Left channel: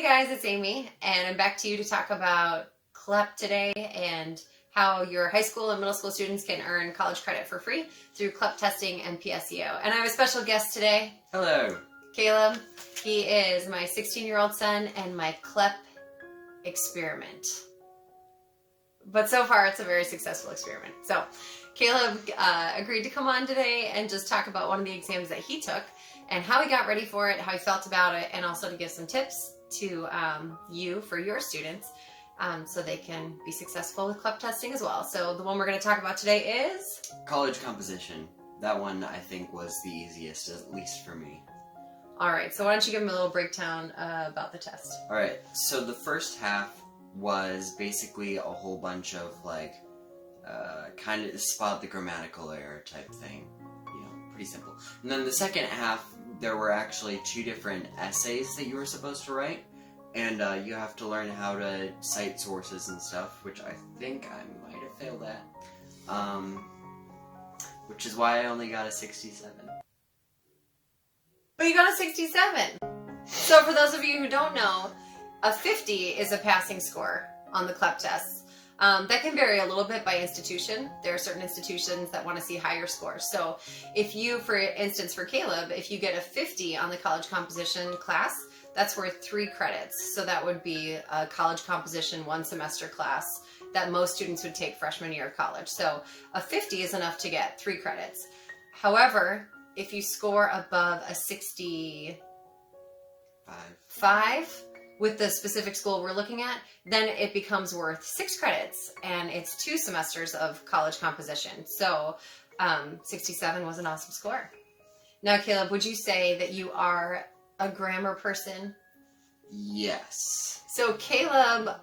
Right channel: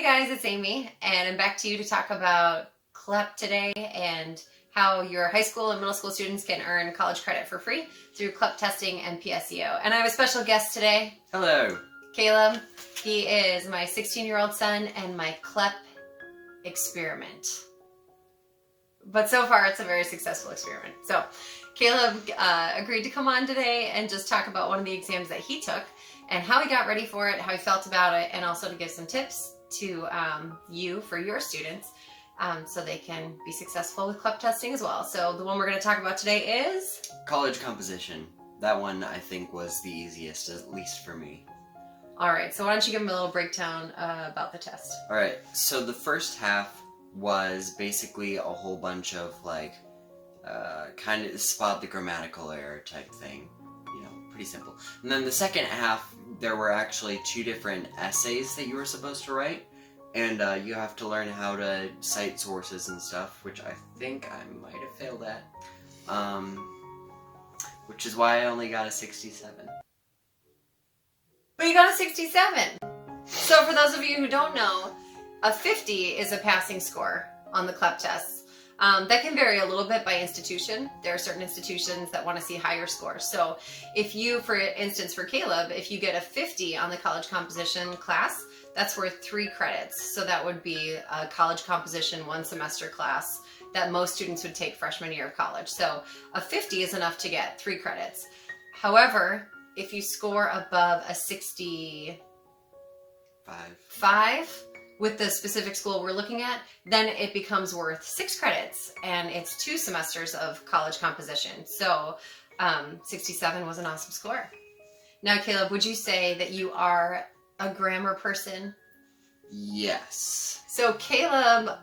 Hey guys, it's Amy, and I'm back to you to talk about CLEP today and how your high school and middle school students can earn college credit for free through CLEP testing and PSEO. And I have a special guest today. Hello. Caleb. He is my 16-year-old son and my CLEP experiment. But so far, it's a very successful experiment. So Caleb agreed to come on today and just talk about one of the exams that he took and how he got ready for it, how he felt about it, and also to give some tips to you for your students so they can be successful with CLEP testing as well. So the one we're going to talk about today is College Composition. That one I think was the easiest, at least for me. All right, so why don't you give them a little breakdown about the test? All right, so the first half was basically a whole bunch of kind of spot the grammatical error type thing. You know, pretty simple. And then the second half, there were actually 2 different essays that you were supposed to write. And you have to learn how to cite sources and stuff, which I think I might have failed at. Which is why I only got a 67. But you got a 67. So for those of you who don't know, a 50 is a passing score on the CLEP tests. That can vary a little bit by institution. There are certain institutions that want to see higher scores. So if you, for instance, for Caleb, if you get a 50 on the college composition class, that's worth 3 credits. So that would be a college composition 1 semester class that most students would take freshman year of college. So a 50 is enough to get 3 credits. However, if you score above a 65 with the specific school we're looking at, then it becomes worth 6 credits, and it's 2 semesters of college composition. So 67 was an awesome score. Now, Caleb, would you say that you are a grammar person? Yes. So Caleb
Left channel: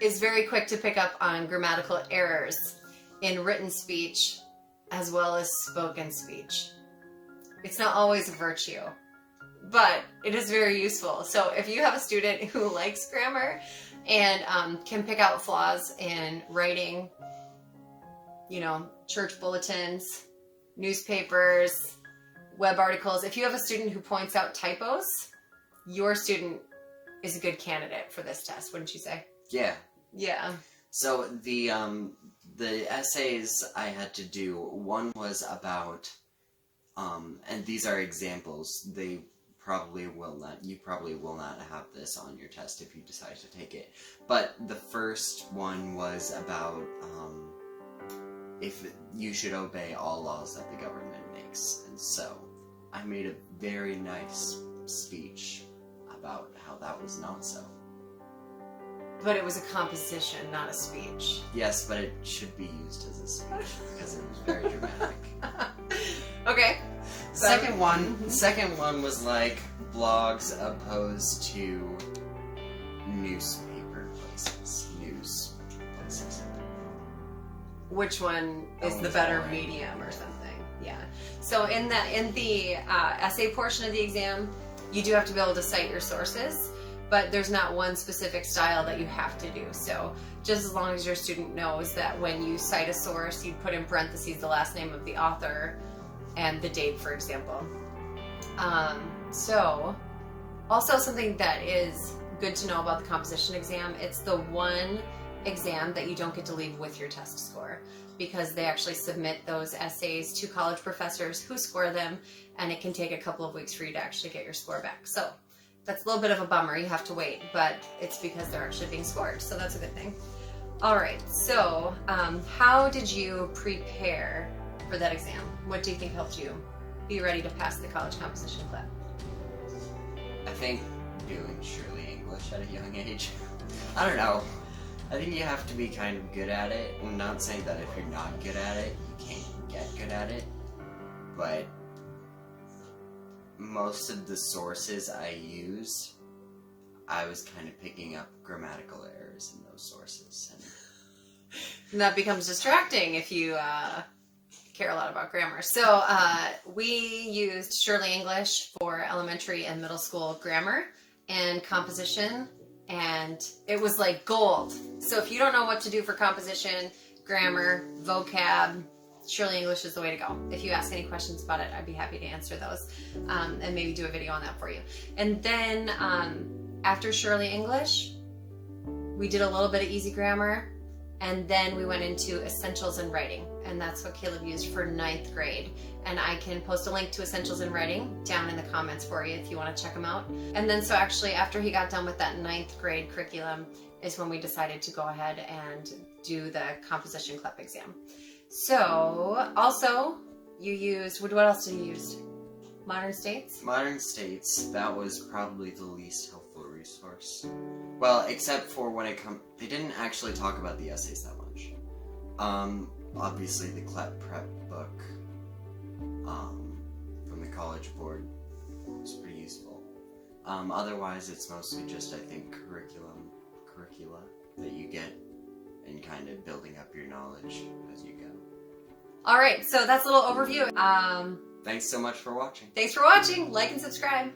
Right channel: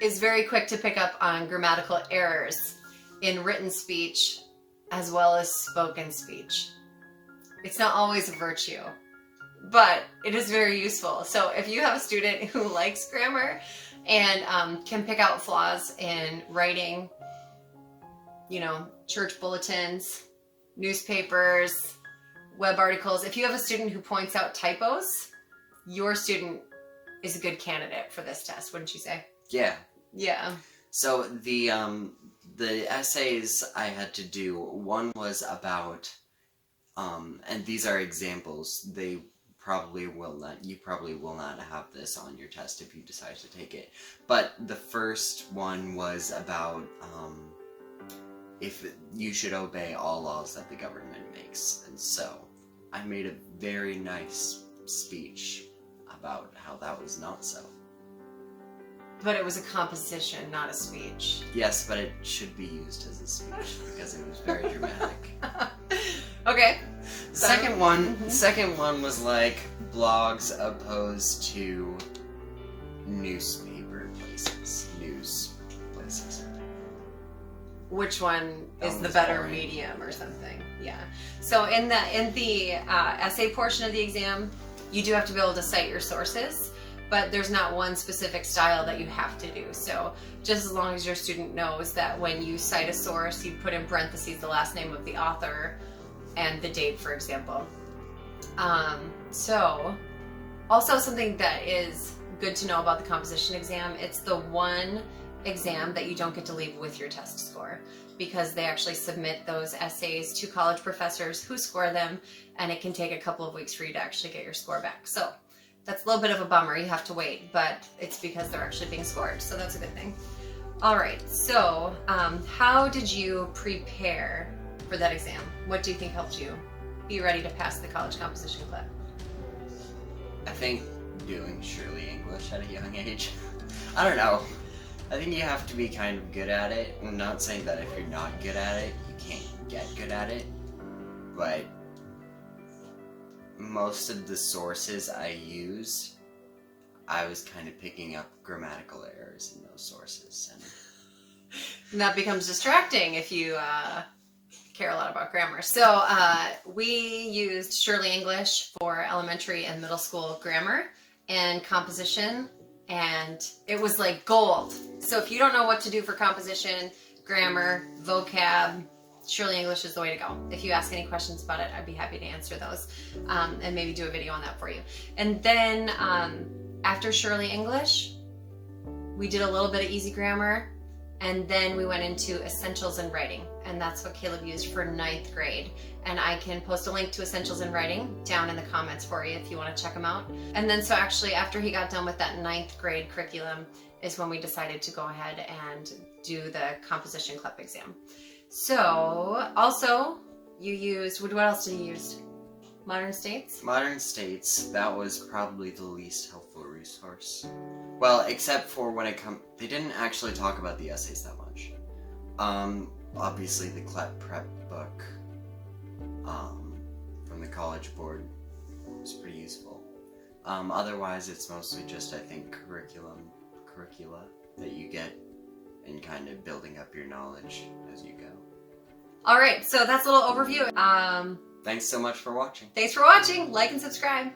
is very quick to pick up on grammatical errors in written speech as well as spoken speech. It's not always a virtue, but it is very useful. So if you have a student who likes grammar and can pick out flaws in writing, you know, church bulletins, newspapers, web articles, if you have a student who points out typos, your student is a good candidate for this test, wouldn't you say? Yeah. Yeah. So the essays I had to do, one was about, and these are examples, you probably will not have this on your test if you decide to take it. But the first one was about if you should obey all laws that the government makes. And so I made a very nice speech about how that was not so. But it was a composition, not a speech. Yes, but it should be used as a speech because it was very dramatic. Okay. Second one was like blogs opposed to newspaper places, news places. Which one is the better medium or something? Yeah. So in the essay portion of the exam, you do have to be able to cite your sources, but there's not one specific style that you have to do. So just as long as your student knows that when you cite a source, you put in parentheses the last name of the author and the date, for example. So also something that is good to know about the composition exam, it's the one exam that you don't get to leave with your test score, because they actually submit those essays to college professors who score them, and it can take a couple of weeks for you to actually get your score back. So that's a little bit of a bummer. You have to wait, but it's because they're actually being scored, so that's a good thing. All right, so how did you prepare for that exam? What do you think helped you be ready to pass the College Composition CLEP? I think doing Shirley English at a young age. I don't know. I think you have to be kind of good at it. I'm not saying that if you're not good at it, you can't get good at it, but most of the sources I used, I was kind of picking up grammatical errors in those sources. And that becomes distracting if you care a lot about grammar. So we used Shirley English for elementary and middle school grammar and composition, and it was like gold. So if you don't know what to do for composition, grammar, vocab, Shirley English is the way to go. If you ask any questions about it, I'd be happy to answer those and maybe do a video on that for you. And then After Shirley English, we did a little bit of easy grammar, and then we went into Essentials in Writing, and that's what Caleb used for 9th grade. And I can post a link to Essentials in Writing down in the comments for you if you want to check them out. And then so actually after he got done with that 9th grade curriculum is when we decided to go ahead and do the Composition CLEP exam. So also you used, what else did you use? Modern States? Modern States, that was probably the least helpful resource. Well, except for when it comes, they didn't actually talk about the essays that much. Obviously the CLEP prep book from the College Board was pretty useful. Otherwise, it's mostly just, I think, curricula that you get and kind of building up your knowledge as you go. All right, so that's a little overview. Thanks so much for watching. Thanks for watching. Like and subscribe.